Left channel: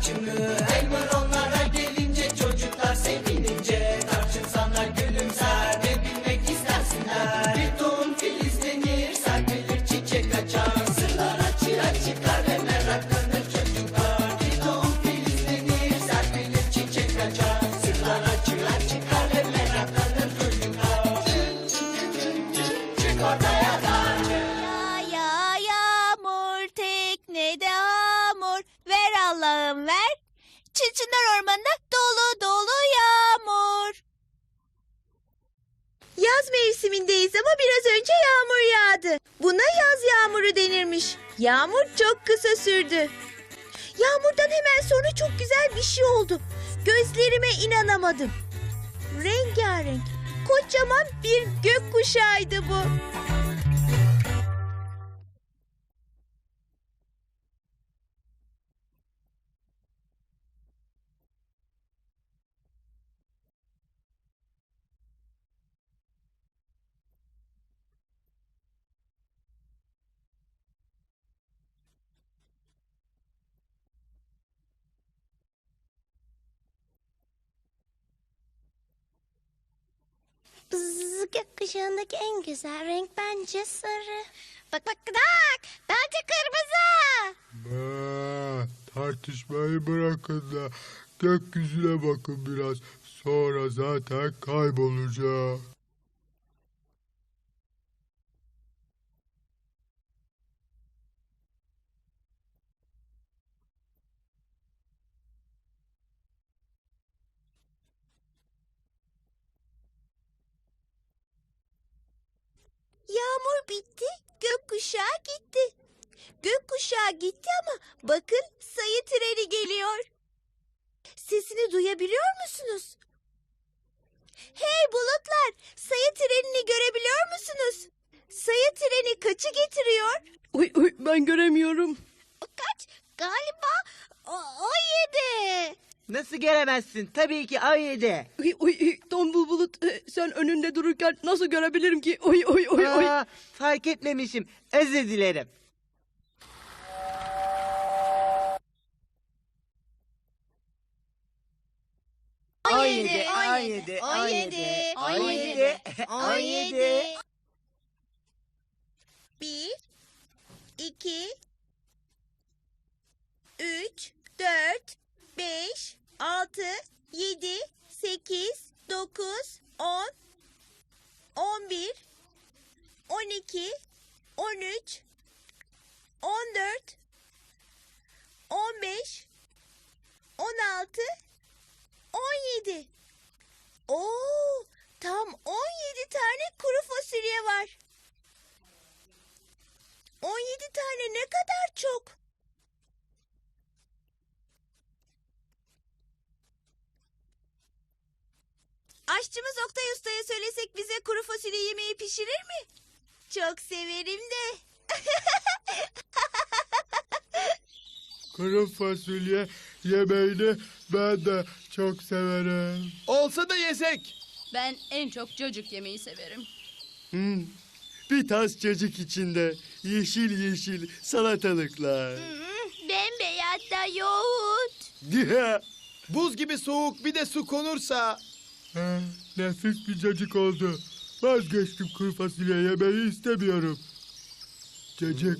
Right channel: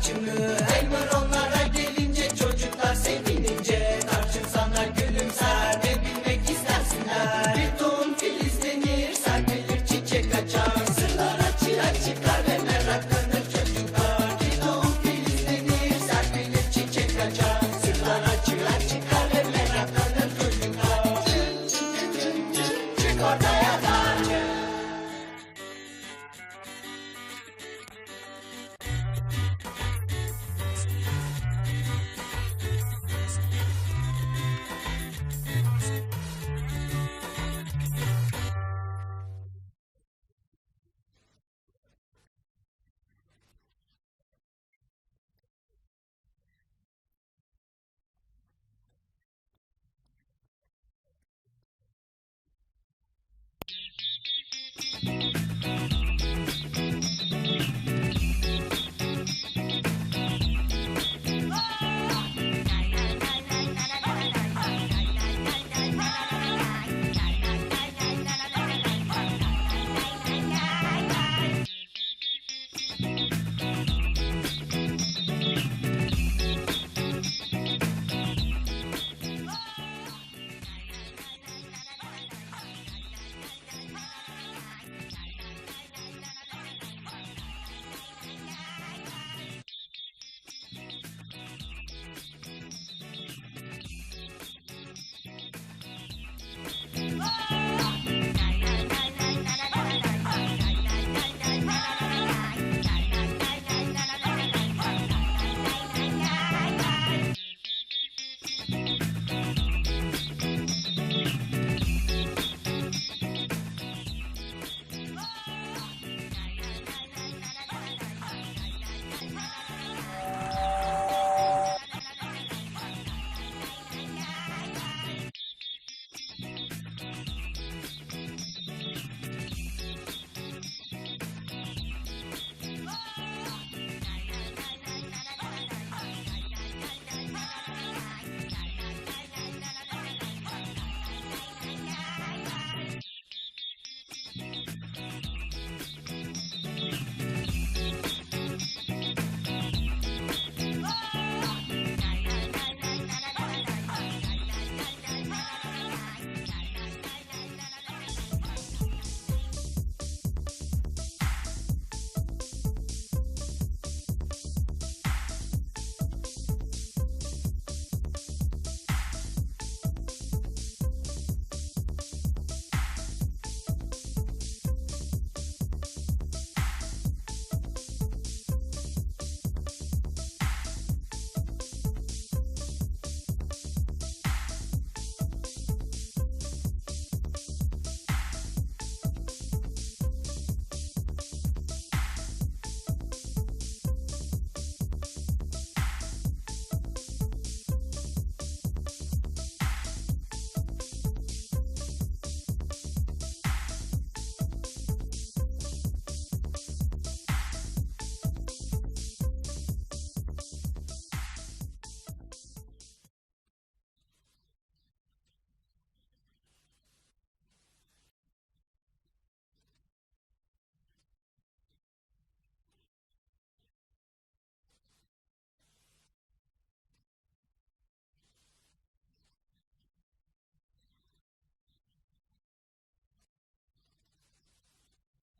watching. Çınar Ormanı'nda dolu dolu yağmur. Yaz mevsimindeyiz ama biraz önce yağmur yağdı. Buna yaz yağmuru denirmiş. Yağmur çok kısa sürdü. Yağmurdan hemen sonra çok güzel bir şey oldu. Gözlerime inanamadım. Rengarenk, kocaman bir gökkuşağıydı bu. Gökkuşağındaki en güzel renk bence sarı. Bak bak bak. Bence kırmızı. Aa, tartışmayı bırakın da gökyüzüne bakın biraz. Sonra zaten kaybolacağım. Gökkuşağı gitti ama bakın sayı treni geliyor. Sesini duyabiliyor musunuz? Hey bulutlar, sayı trenini görebiliyor musunuz? Sayı treni kaçı getiriyor? Uy, uy, ben göremiyorum. Kaç? Galiba o, o yedi. Nasıl göremezsin? Tabii ki A7. Uy, uy, uy, tombul bulut e, sen önünde dururken nasıl görebilirim ki? Uy, uy, uy, uy. Aa, fark etmemişim. Özür dilerim. O yedi, A7, o yedi, o yedi, A7, o yedi. Kuru fasulye yemeğini ben de çok severim. Olsa da yesek. Ben en çok cacık yemeyi severim. Hmm, Bir tas cacık içinde yeşil yeşil salatalıklar. Bembeyaz da yoğurt. Buz gibi soğuk bir de su konursa. Ha, nefis bir cacık oldu. Vazgeçtim kuru fasulye yemeği istemiyorum. Cacık,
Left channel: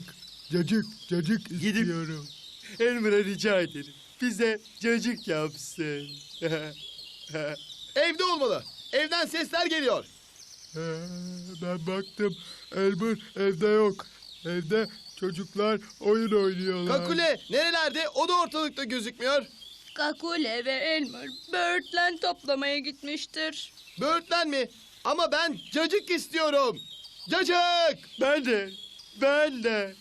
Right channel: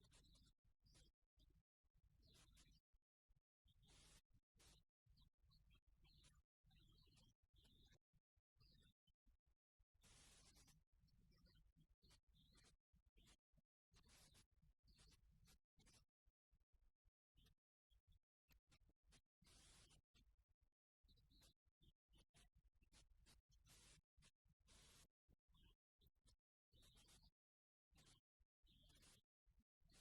cacık, cacık Gidip- istiyorum. Elmer'a rica ederim. Bize cacık yapsın. Evde olmalı. Evden sesler geliyor. Ha, ben baktım. Elmer evde yok. Evde çocuklar oyun oynuyorlar. Kakule nerelerde? O da ortalıkta gözükmüyor. Kakule ve Elmer böğürtlen toplamaya gitmiştir. Böğürtlen mi? Ama ben cacık istiyorum. Cacık! ben de, ben de.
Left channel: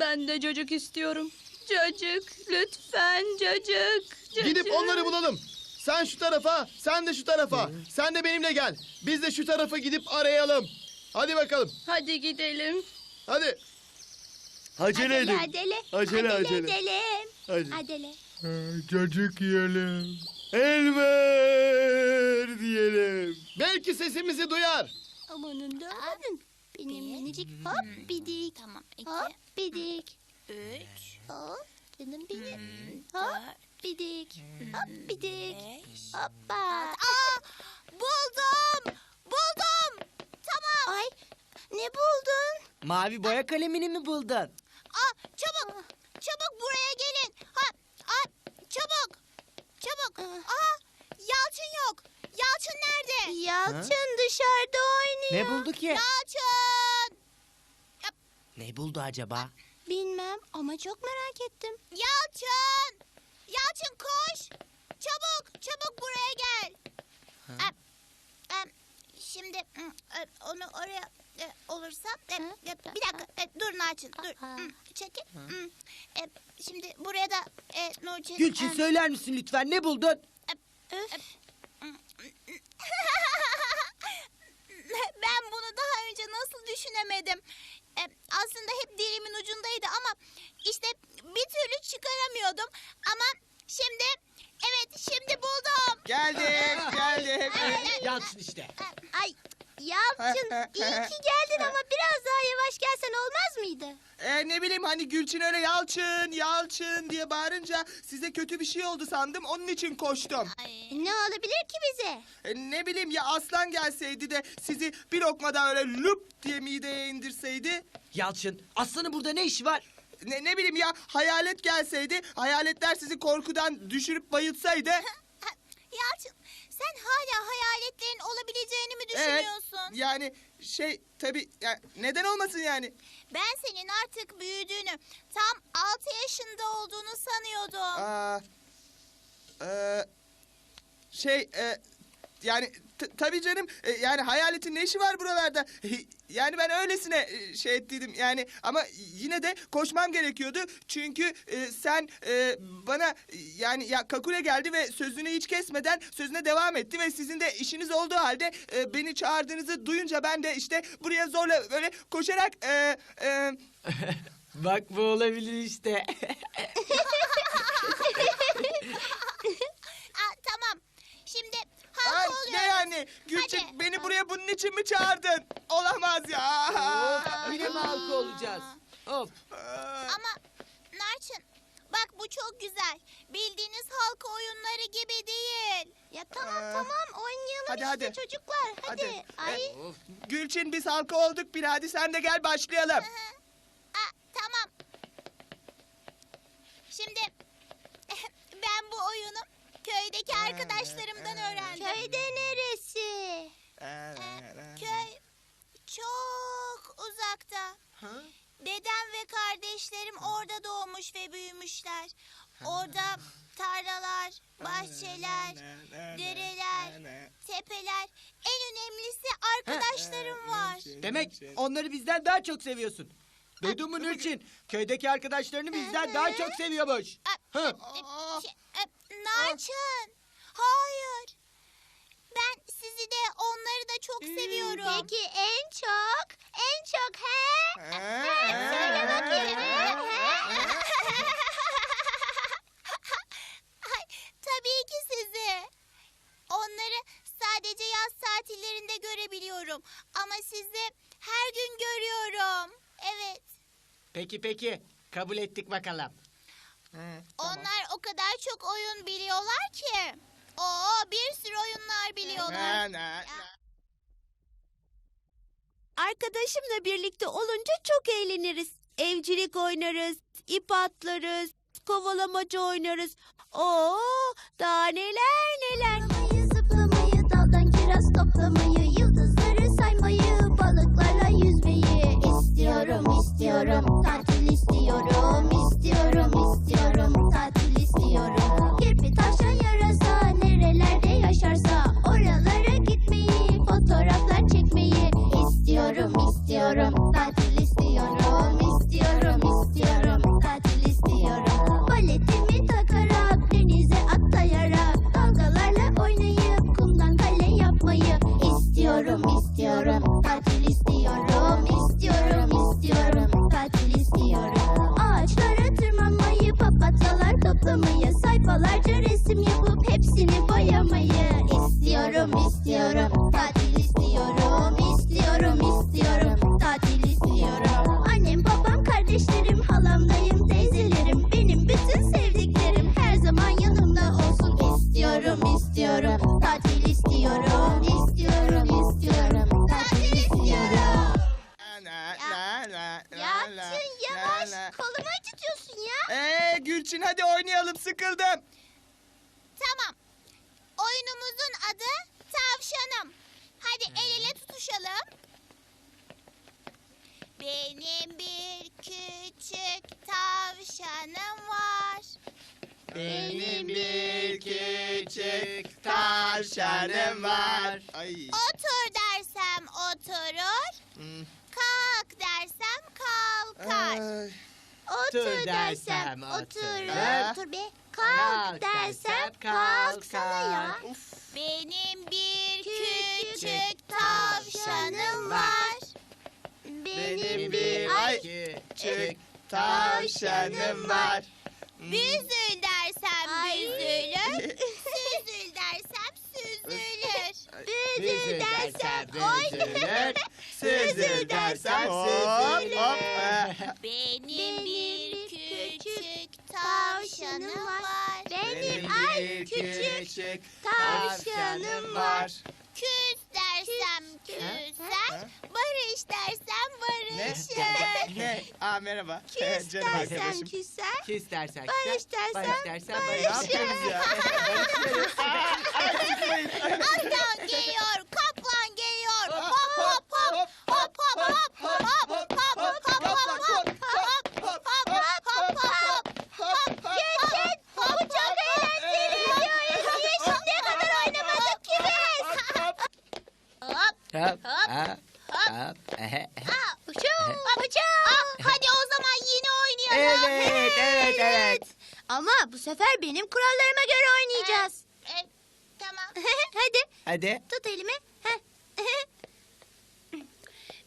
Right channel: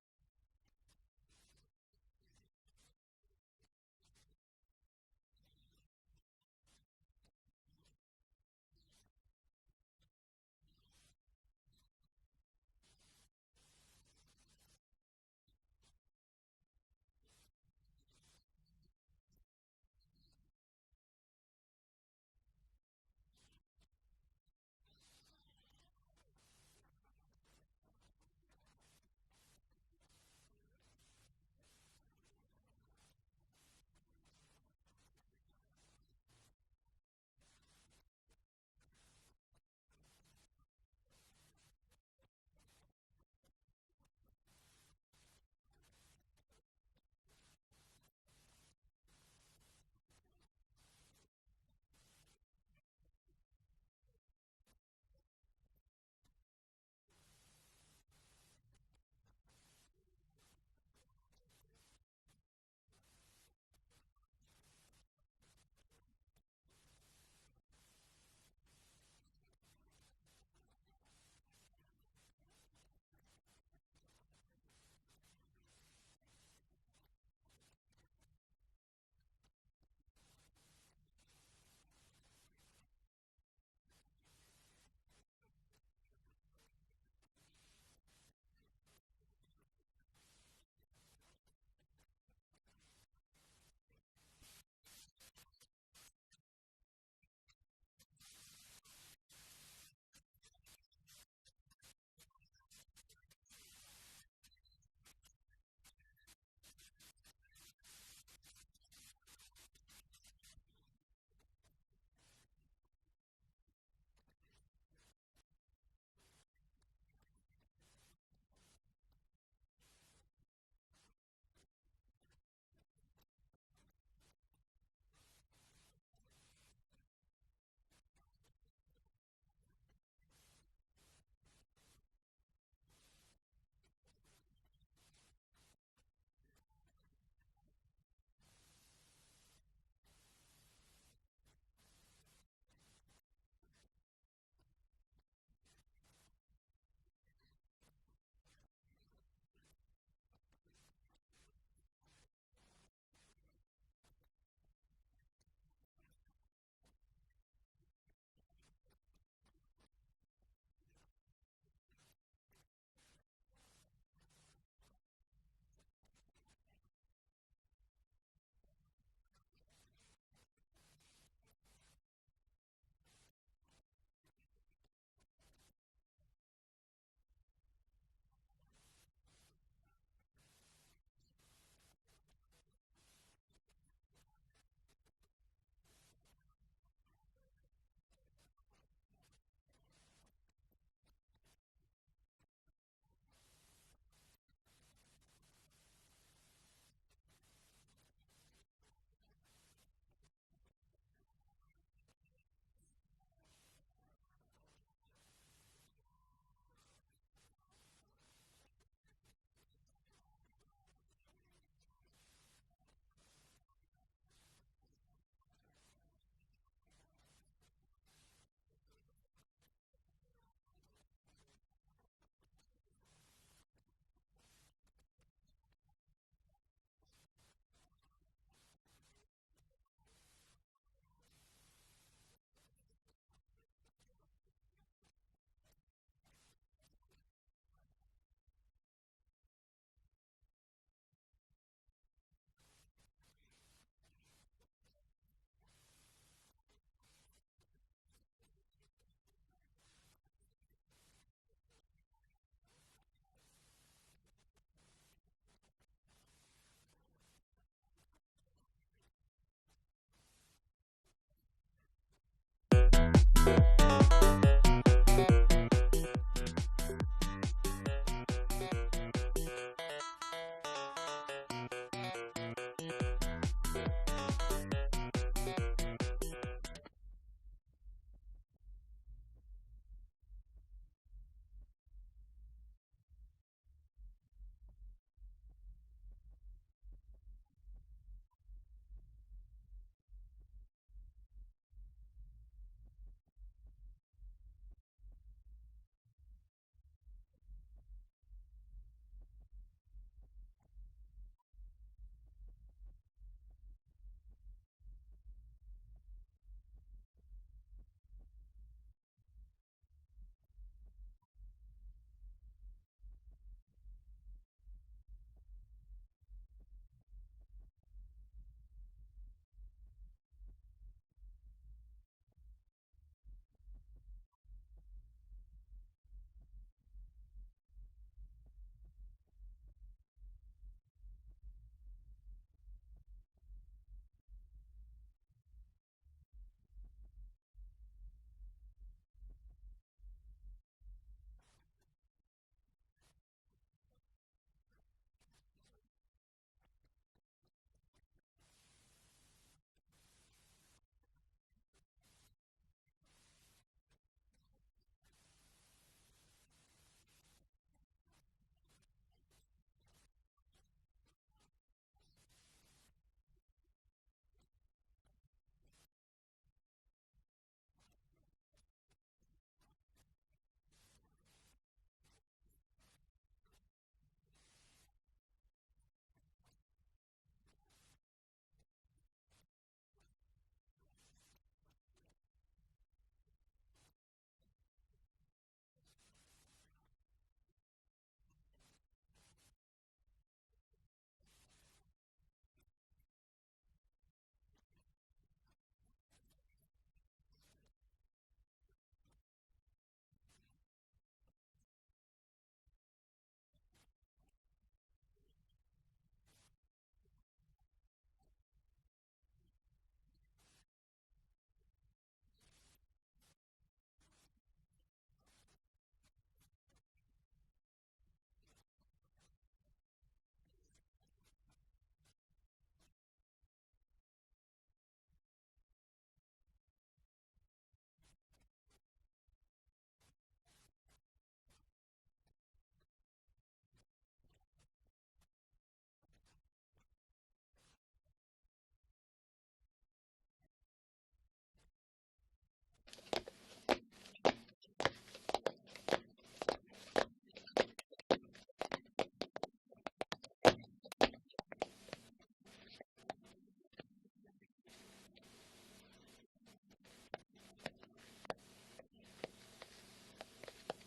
Ben de cacık istiyorum. Cacık, lütfen cacık. cacık. Gidip onları bulalım. Sen şu tarafa, sen de şu tarafa. Sen de benimle gel. Biz de şu tarafa gidip arayalım. Hadi bakalım. Hadi gidelim. Hadi. Acele edin. Adele, Acele, acele. edelim. Hadi. Adele. Cacık yiyelim. Elmer diyelim. Belki sesimizi duyar. Amanın da amanın. Benim minicik hop bidik. Tamam iki. Hop bidik. Üç. Hop canım benim. Hop bidik. Hop bidik. Hoppa. Aa buldum. Buldum. Tamam. Ay ne buldun? Mavi boya kalemini mi buldun? Aa çabuk. Çabuk buraya gelin. Ha, aa, çabuk. Çabuk. Aa Yalçın yok. Yalçın nerede? Yalçın dışarıda oynuyor. Ne buldu ki? Yalçın. Ne buldu acaba? Bilmem ama çok merak ettim. Yalçın! Yalçın koş! çabuk, çabuk buraya gel. Em, em, şimdi mm, e, onu oraya e, olursa e, e, bir dakika e, dur Narçın dur çekil. Hmm, e, şimdi buraya da e, Nurçin. Gülçin em, söyler misin lütfen ne buldun? Öf. ben bunu daha önce nasıl düşünemedim? E, aslında hep dilimin ucundaydı ama işte bir türlü çıkaramıyordum. Ama şimdi evet şimdi buldum. Geldim, geldim. Yalçın işte. Ay Yalçın iyi ki geldin ama biraz daha yavaş gelsen olmaz mıydı? Ee, ne bileyim hani Gülçin öyle yalçın, yalçın diye bağırınca size kötü bir şey oldu sandım. Onun için koştum. Ne olabilir ki bize? Ee, ne bileyim ya aslan gelseydi de sizi bir lokmadan öyle lup diye mideye indirseydi. Yalçın aslanın burada ne işi var? Ne, ne bileyim ya hayalet gelseydi, hayaletler sizi korkudan düşürüp bayıltsaydı. Yalçın sen hala hayaletlerin olabileceğini mi düşünüyorsun? yani şey tabii ya, neden olmasın yani? Ben senin artık büyüdüğünü, tam 6 yaşında olduğunu sanıyordum. Aa, e, şey e, yani t- tabii canım e, yani hayaletin ne işi var buralarda? Yani ben öylesine e, şey ettiydim yani ama yine de koşmam gerekiyordu. Çünkü e, sen e, bana e, yani ya Kakule geldi ve sözünü hiç kesmeden sözüne devam etti ve sizin de işiniz olduğu halde e, beni çağırdığınızı duyunca ben de işte buraya zorla böyle koşarak e, e, Bak bu olabilir işte. Aa, tamam. Şimdi Ay, halka ne oluyoruz. yani? Gülçin Hadi. Beni bunun için mi çağırdın? Olamaz ya. of yine mi halka olacağız? Of. Ama Narçın bak bu çok güzel. Bildiğiniz halka oyunları gibi değil. Ya tamam Aa. tamam oynayalım Hadi, işte hadi. çocuklar. Hadi. Hadi. Ay. Of. Gülçin biz halka olduk bir hadi sen de gel başlayalım. Aa, tamam. Şimdi ben bu oyunu köydeki arkadaşlarımdan öğrendim. Köyde neresi? Köy çok uzakta. Dedem ve kardeşlerim orada doğmuş ve büyümüşler. Orada tarlalar, bahçeler, dereler, tepeler, en önemlisi arkadaşlarım var. Demek onları bizden daha çok seviyorsun. Duydun mu Nurçin? Köydeki arkadaşlarını bizden daha çok seviyormuş. Hı. Narçın, hayır. Sizi de onları da çok seviyorum. Peki en çok, en çok he? Söyle bakayım. Ay, tabii ki sizi. Onları sadece yaz tatillerinde görebiliyorum. Ama sizi her gün görüyorum. Evet. Peki peki. Kabul ettik bakalım. Onlar o kadar çok oyun biliyorlar ki. Evcilik oynarız, ip atlarız, kovalamaca oynarız. Oo, daha neler neler. Zıplamayı, zıplamayı, daldan kiraz toplamayı, yıldızları saymayı, balıklarla yüzmeyi istiyorum, istiyorum. Tatil istiyorum, istiyorum. Adı tavşanım. Hadi el ele tutuşalım. Benim bir küçük tavşanım var. Benim bir küçük tavşanım var. Ay. Otur dersem oturur. Hmm. Kalk dersem kalkar. Ay. Otur dersem oturur. Otur be. Kalk dersem kalksana ya. Benim bir küçük tavşanım var. Benim bir ay küçük tavşanım var. Büzül dersem büzülür. Süzül dersem süzülür. Büzül dersem oynar. Süzül dersem süzülür. Benim bir tavşanım var. Benim ay küçük tavşanım var. Küs dersem küser. Barış dersem barışır. ne? Aa merhaba. Küs Canım dersem arkadaşım. küser. Küs dersen Barış dersem barış dersen Ne barış. yapıyorsunuz ya? Aslan geliyor, kaplan geliyor. Hop hop. Hop hop hop. Hop hop hop hop hop hop. Hop hop hop hop hop. Geçin. Bu çok eğlenceli. Şimdiye kadar oynamadık ki biz. Hop. Hop, Hop. hop, ehe. Abuçum. Abuçum. Hadi o zaman yine oynayalım. Evet, evet, evet. Ama bu sefer benim kurallarıma göre oynayacağız. tamam. Hadi Hadi. tut elimi. Heh.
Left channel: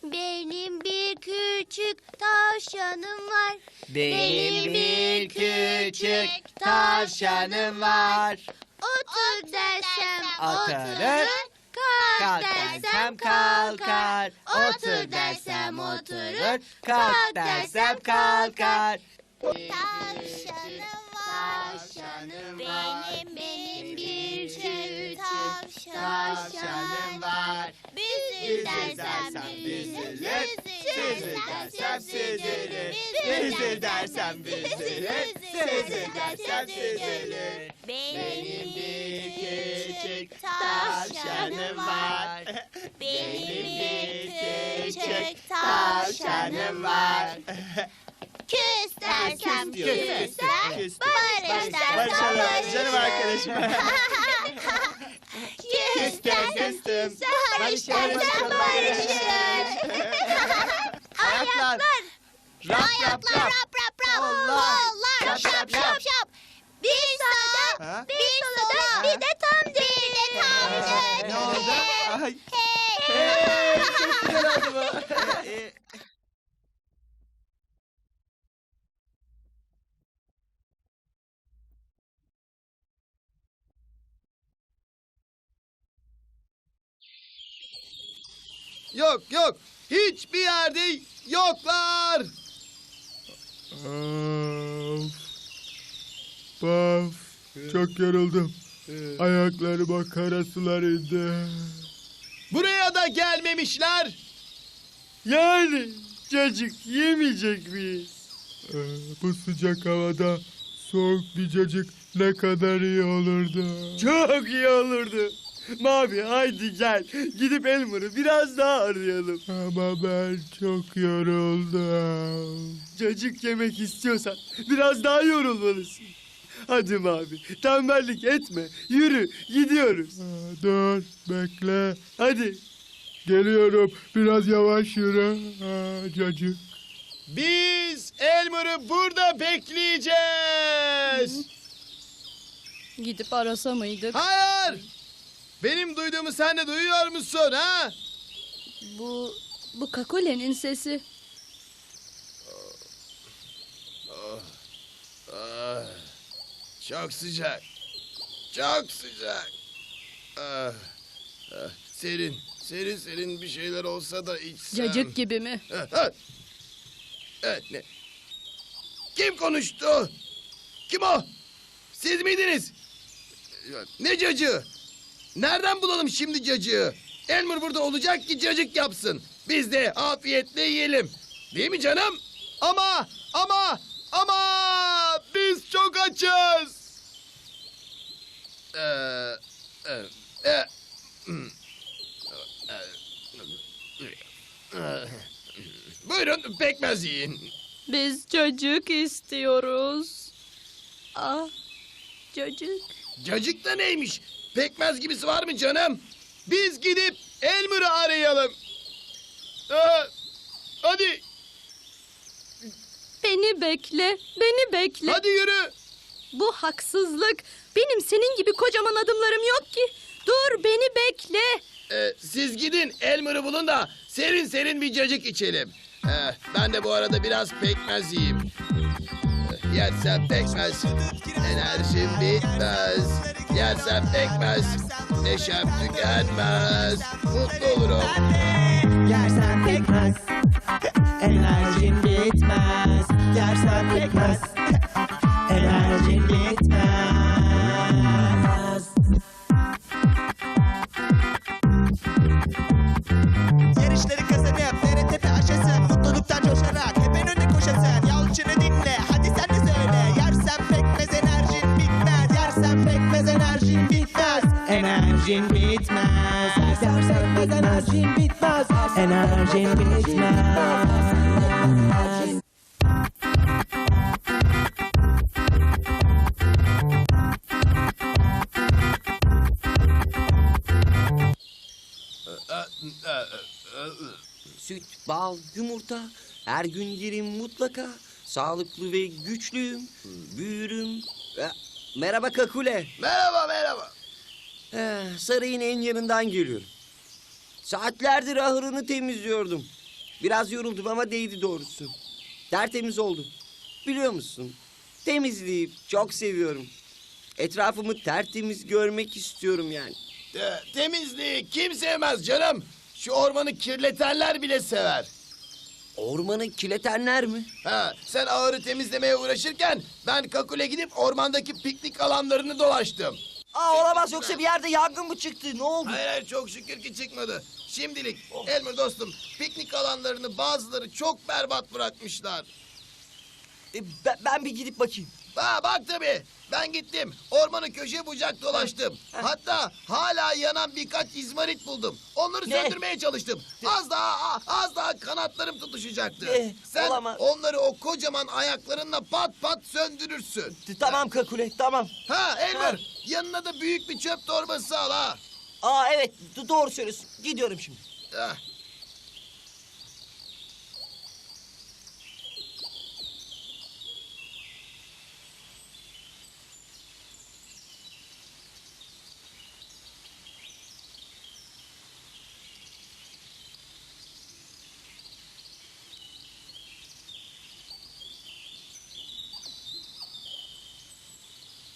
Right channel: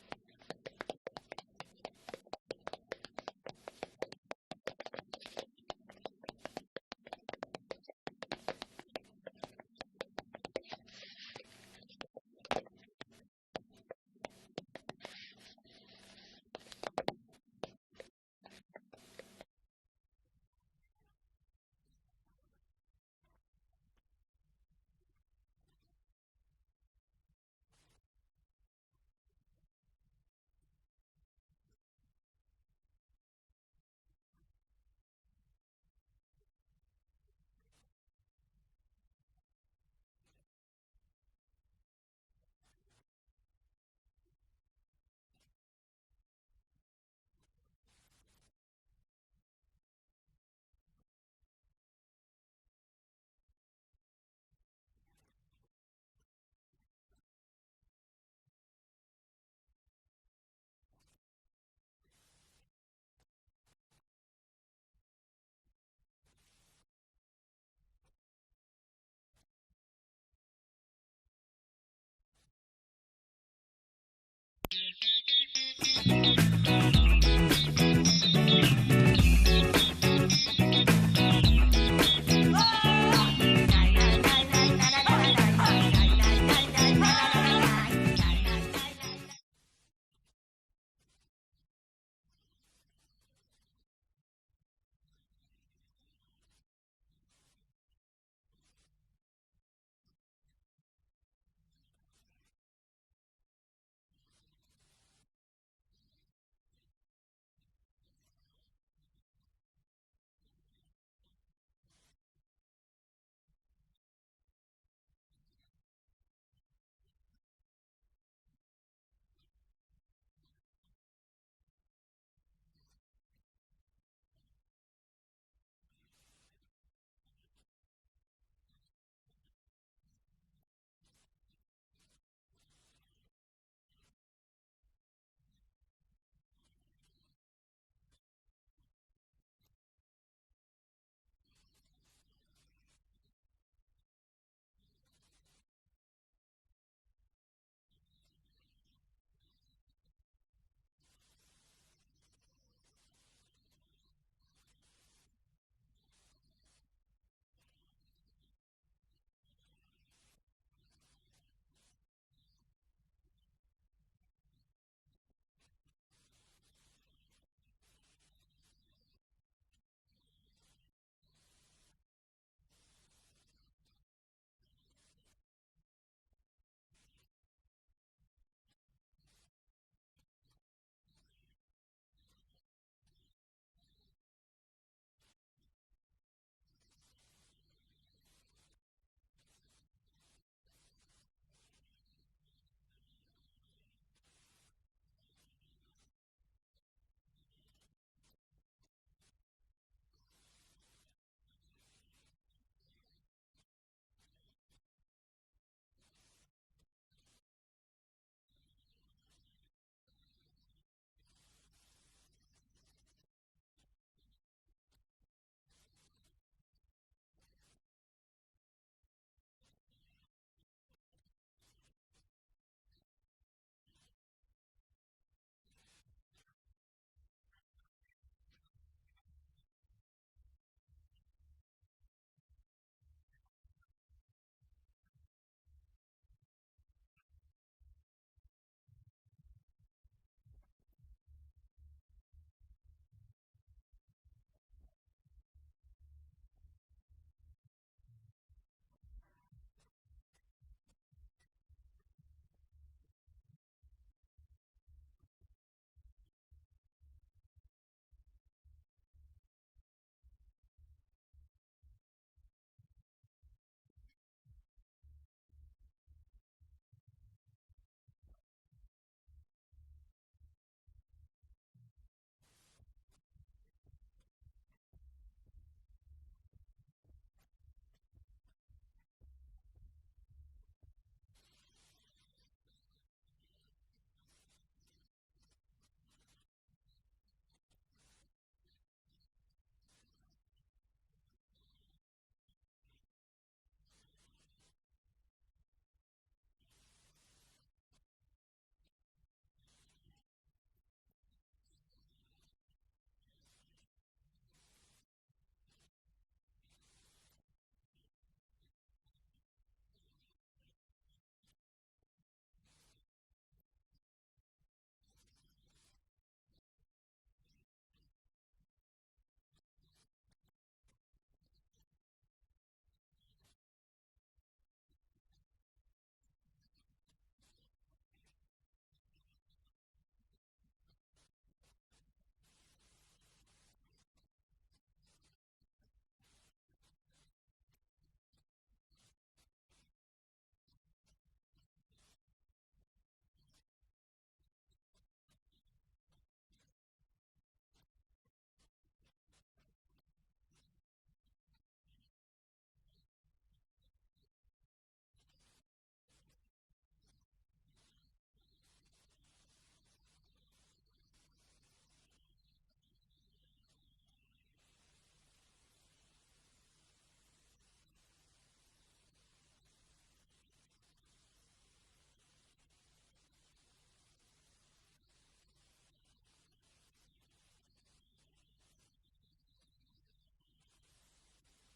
Benim bir küçük tavşanım var. Benim bir küçük tavşanım var. Otur dersem Oturur. Kalk dersem kalkar. Otur dersem oturur. Kalk dersem kalkar. Tavşanım var. Tavşanım Benim benim bir küçük tavşanım var. Büzül dersem büzülür. Süzül dersem süzülür. Büzül dersem büzülür. Süzül dersem süzülür. Benim bir küçük tavşanım var. Benim bir küçük tavşanım var. Küs dersem Küs diyor, küs küser. küs. Barış dersem Barışalım barışır. canım arkadaşım. Küs Küstüm, dersem küstüm. Barış Barışalım, dersem barışalım. barışır. Ayaklar. Rap rap Ayaklar rap. rap rap rap. Kollar. Kollar Şap, şap şap. Bir sağda, Ha? bir solda, bir de Ay. Hey. Hey, çok güzel oldu bu. Yok yok. Hiçbir yerde yoklar. Of. Of. Çok yoruldum. Ayaklarıma kara sular indi. Buraya da gelmemişler. Yani cacık yemeyecek miyiz? Ee, bu sıcak havada soğuk bir cacık ne kadar iyi olurdu. Çok iyi olurdu. Mavi haydi gel. Gidip Elmer'ı biraz daha arayalım. Ama ben çok yoruldum. Cacık yemek istiyorsan biraz daha yorulmalısın. Hadi Mavi tembellik etme. Yürü gidiyoruz. dur bekle. Hadi. Geliyorum. Biraz yavaş yürü. cacık. Biz Elmer'ı burada bekleyeceğiz. Gidip arasa mıydık? Hayır. Benim duyduğumu sen de duyuyor musun ha? Bu, bu Kakule'nin sesi. Ah, çok sıcak. Çok sıcak. Ah, ah, serin, serin serin bir şeyler olsa da içsem. Cacık gibi mi? Ah, ah. Evet ne? Kim konuştu? Kim o? Siz miydiniz? Ne cacığı? Nereden bulalım şimdi cacığı? Elmer burada olacak ki cacık yapsın. Biz de afiyetle yiyelim. Değil mi canım? Ama, ama, ama biz çok açız. Ee, e, e, hmm. Ee, Buyurun pekmez yiyin. Biz cacık istiyoruz. Ah, cacık. Cacık da neymiş? Pekmez gibisi var mı canım? Biz gidip Elmer'ı arayalım. Aa, hadi, Beni bekle, beni bekle. hadi yürü. Bu haksızlık. Benim senin gibi kocaman adımlarım yok ki. Dur beni bekle. Ee, siz gidin Elmer'ı bulun da serin serin bir cacık içelim. Ee, ben de bu arada biraz pekmez yiyeyim. Ee, yersem pekmez, enerjim bitmez. Yersem pekmez, neşem tükenmez. Mutlu olurum. Yersen pekmez Enerjin bitmez Yersen pekmez Enerjin bitmez Yarışları kazanıp tepe aşasın Mutluluktan coşarak hep en önde koşasın. Yalçın'ı dinle hadi sen de söyle. Yersen pekmez enerjin bitmez Yersen pekmez enerjin bitmez. Enerjin bitmez. Yersen pekmez enerjin bitmez. Enerjin bitmez. Süt, Her gün yerim mutlaka. Sağlıklı ve güçlüyüm. Büyürüm. E, merhaba Kakule. Merhaba merhaba. Eh, sarayın en yanından geliyorum. Saatlerdir ahırını temizliyordum. Biraz yoruldum ama değdi doğrusu. Tertemiz oldu. Biliyor musun? Temizliği çok seviyorum. Etrafımı tertemiz görmek istiyorum yani. Ee, temizliği kim sevmez canım? Şu ormanı kirletenler bile sever. Ormanı kiletenler mi? Ha, sen ağırı temizlemeye uğraşırken ben Kakule gidip ormandaki piknik alanlarını dolaştım. Aa olamaz yoksa bir yerde yangın mı çıktı? Ne oldu? Hayır hayır çok şükür ki çıkmadı. Şimdilik Elmer dostum piknik alanlarını bazıları çok berbat bırakmışlar. E, ben, ben bir gidip bakayım. Ha bak tabii ben gittim ormanı köşe bucak dolaştım. Hatta hala yanan birkaç izmarit buldum. Onları Ne? söndürmeye çalıştım. Az daha az daha kanatlarım tutuşacaktı. Ne? Sen Olamaz. onları o kocaman ayaklarınla pat pat söndürürsün. T- Tamam Kakule tamam. Ha Elmer yanına da büyük bir çöp torbası al ha. Aa evet d- doğru söylüyorsun. Gidiyorum şimdi. Ah.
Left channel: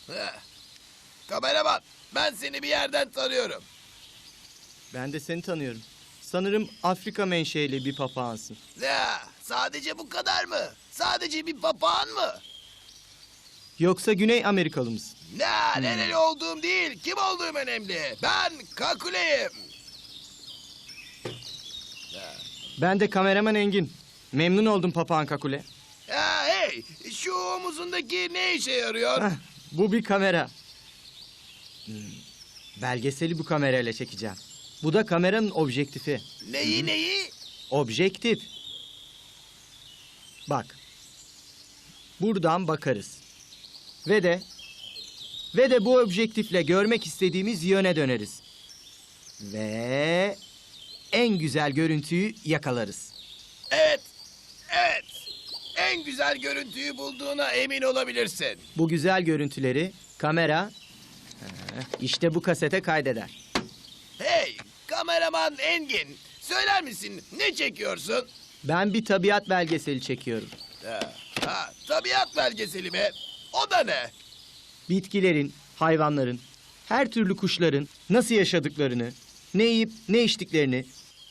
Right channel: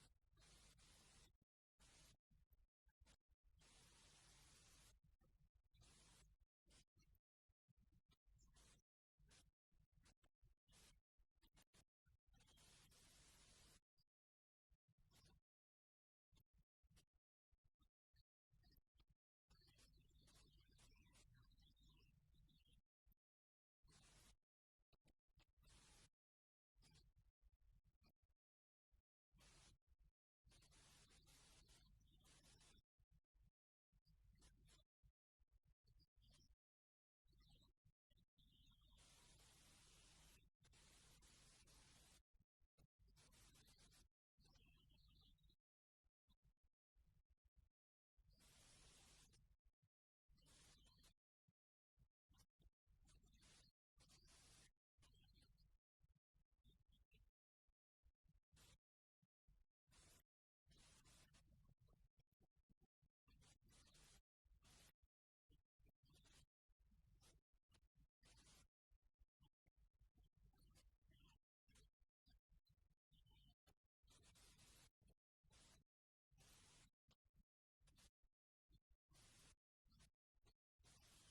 Heh. Kameraman ben seni bir yerden tanıyorum. Ben de seni tanıyorum. Sanırım Afrika menşeli bir papağansın. Ya sadece bu kadar mı? Sadece bir papağan mı? Yoksa Güney Amerikalı mısın? Ne nereli olduğum değil, kim olduğum önemli. Ben Kakule'yim. Ben de kameraman Engin. Memnun oldum papağan kakule. Ya hey, şu omuzundaki ne işe yarıyor? Hah, bu bir kamera. Belgeseli bu kamerayla çekeceğim. Bu da kameranın objektifi. Neyi neyi? Objektif. Bak. Buradan bakarız. Ve de ve de bu objektifle görmek istediğimiz yöne döneriz. Ve en güzel görüntüyü yakalarız. Evet, evet. En güzel görüntüyü bulduğuna emin olabilirsin. Bu güzel görüntüleri kamera işte bu kasete kaydeder. Hey, kameraman Engin. Söyler misin ne çekiyorsun? Ben bir tabiat belgeseli çekiyorum. Ha, ha, tabiat belgeseli mi? O da ne? Bitkilerin, hayvanların, her türlü kuşların nasıl yaşadıklarını, ne yiyip ne içtiklerini,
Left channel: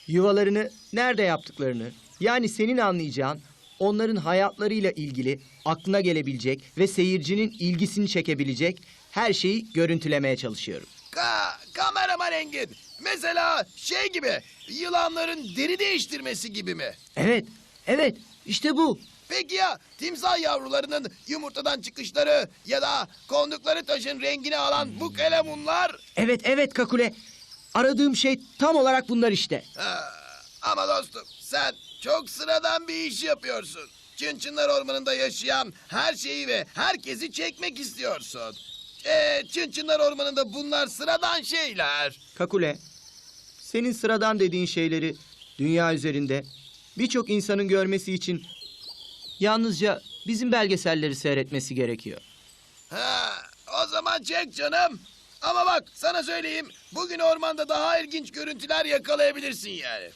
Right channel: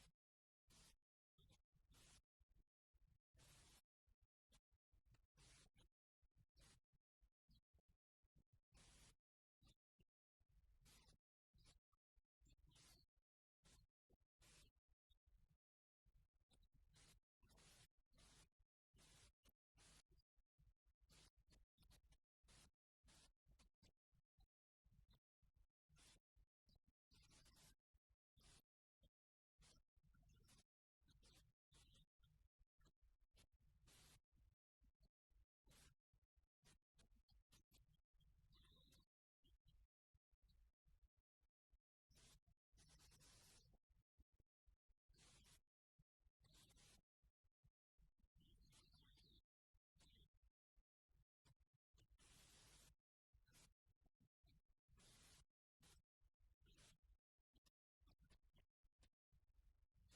yuvalarını nerede yaptıklarını, yani senin anlayacağın onların hayatlarıyla ilgili aklına gelebilecek ve seyircinin ilgisini çekebilecek her şeyi görüntülemeye çalışıyorum. Ka kameraman Engin. Mesela şey gibi, yılanların deri değiştirmesi gibi mi? Evet, evet, işte bu. Peki ya timsah yavrularının yumurtadan çıkışları ya da kondukları taşın rengini alan bu kelemunlar? Evet, evet Kakule. Aradığım şey tam olarak bunlar işte. Ha, ama dostum sen çok sıradan bir iş yapıyorsun. Çınçınlar Ormanı'nda yaşayan her şeyi ve herkesi çekmek istiyorsun. Ee, Çın Çınlar Ormanı'nda bunlar sıradan şeyler. Kakule, senin sıradan dediğin şeyleri dünya üzerinde birçok insanın görmesi için yalnızca bizim belgeselleri seyretmesi gerekiyor. Ha, o zaman çek canım. Ama bak sana söyleyeyim. Bugün ormanda daha ilginç görüntüler yakalayabilirsin yani.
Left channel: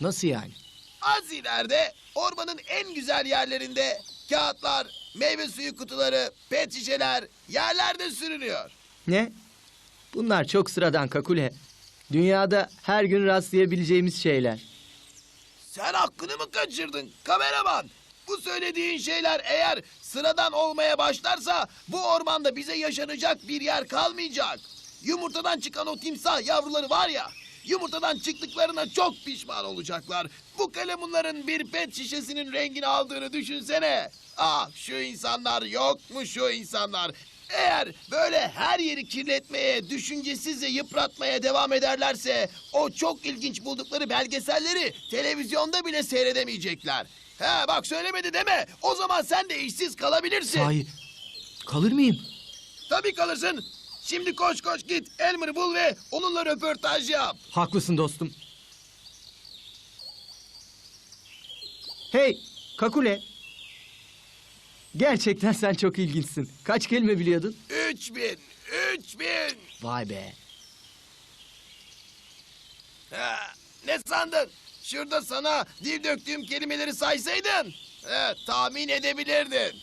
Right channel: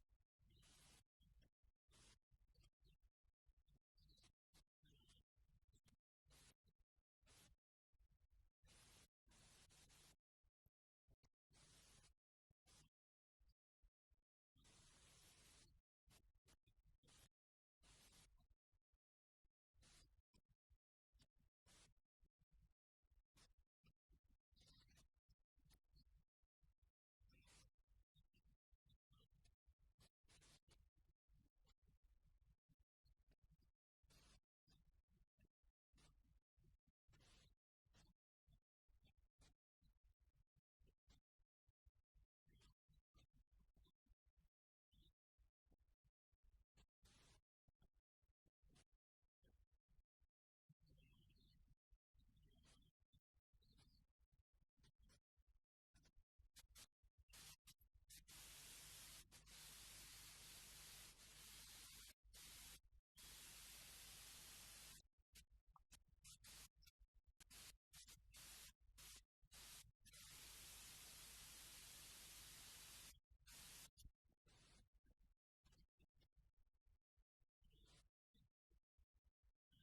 Nasıl yani? Az ileride ormanın en güzel yerlerinde kağıtlar, meyve suyu kutuları, pet şişeler yerlerde sürünüyor. Ne? Bunlar çok sıradan Kakule. Dünyada her gün rastlayabileceğimiz şeyler. Sen hakkını mı kaçırdın kameraman? Bu söylediğin şeyler eğer sıradan olmaya başlarsa bu ormanda bize yaşanacak bir yer kalmayacak. Yumurtadan çıkan o timsah yavruları var ya, yumurtadan çıktıklarına çok pişman olacaklar. Bu kalemunların bir pet şişesinin rengini aldığını düşünsene. Ah şu insanlar yok mu şu insanlar? Eğer böyle her yeri kirletmeye, düşüncesizce yıpratmaya devam ederlerse o çok ilginç buldukları belgeselleri televizyonda bile seyredemeyecekler. He bak söylemedi deme. O zaman sen de işsiz kalabilirsin. Sahi kalır mıyım? Tabii kalırsın. Şimdi koş koş git Elmer'ı bul ve onunla röportaj yap. Haklısın dostum. Hey Kakule. Gerçekten sen çok ilginçsin. Kaç kelime biliyordun? Üç bin, üç bin. Vay be. Ha, ne sandın? Şurada sana dil döktüğüm kelimeleri saysaydın. He, tahmin edebilirdin.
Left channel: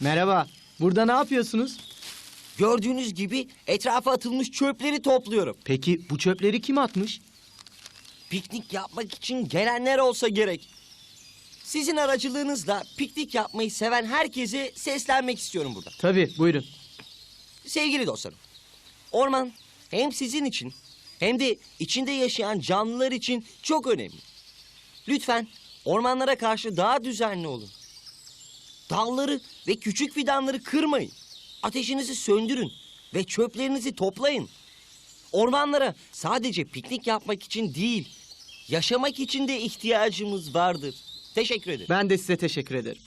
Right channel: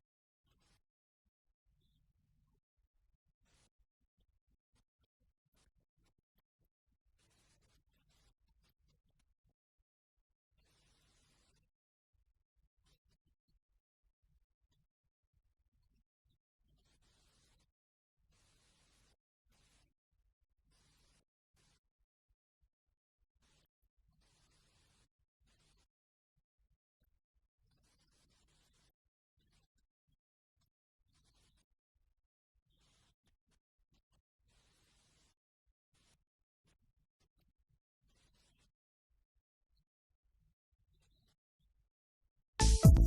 Merhaba. Burada ne yapıyorsunuz? Gördüğünüz gibi etrafa atılmış çöpleri topluyorum. Peki bu çöpleri kim atmış? Piknik yapmak için gelenler olsa gerek. Sizin aracılığınızla piknik yapmayı seven herkese seslenmek istiyorum burada. Tabii buyurun. Sevgili dostlarım, orman hem sizin için hem de içinde yaşayan canlılar için çok önemli. Lütfen ormanlara karşı daha düzenli olun. Dalları ve küçük fidanları kırmayın. Ateşinizi söndürün ve çöplerinizi toplayın. Ormanlara sadece piknik yapmak için değil, yaşamak için de ihtiyacımız vardır. Teşekkür ederim. Ben de size teşekkür ederim.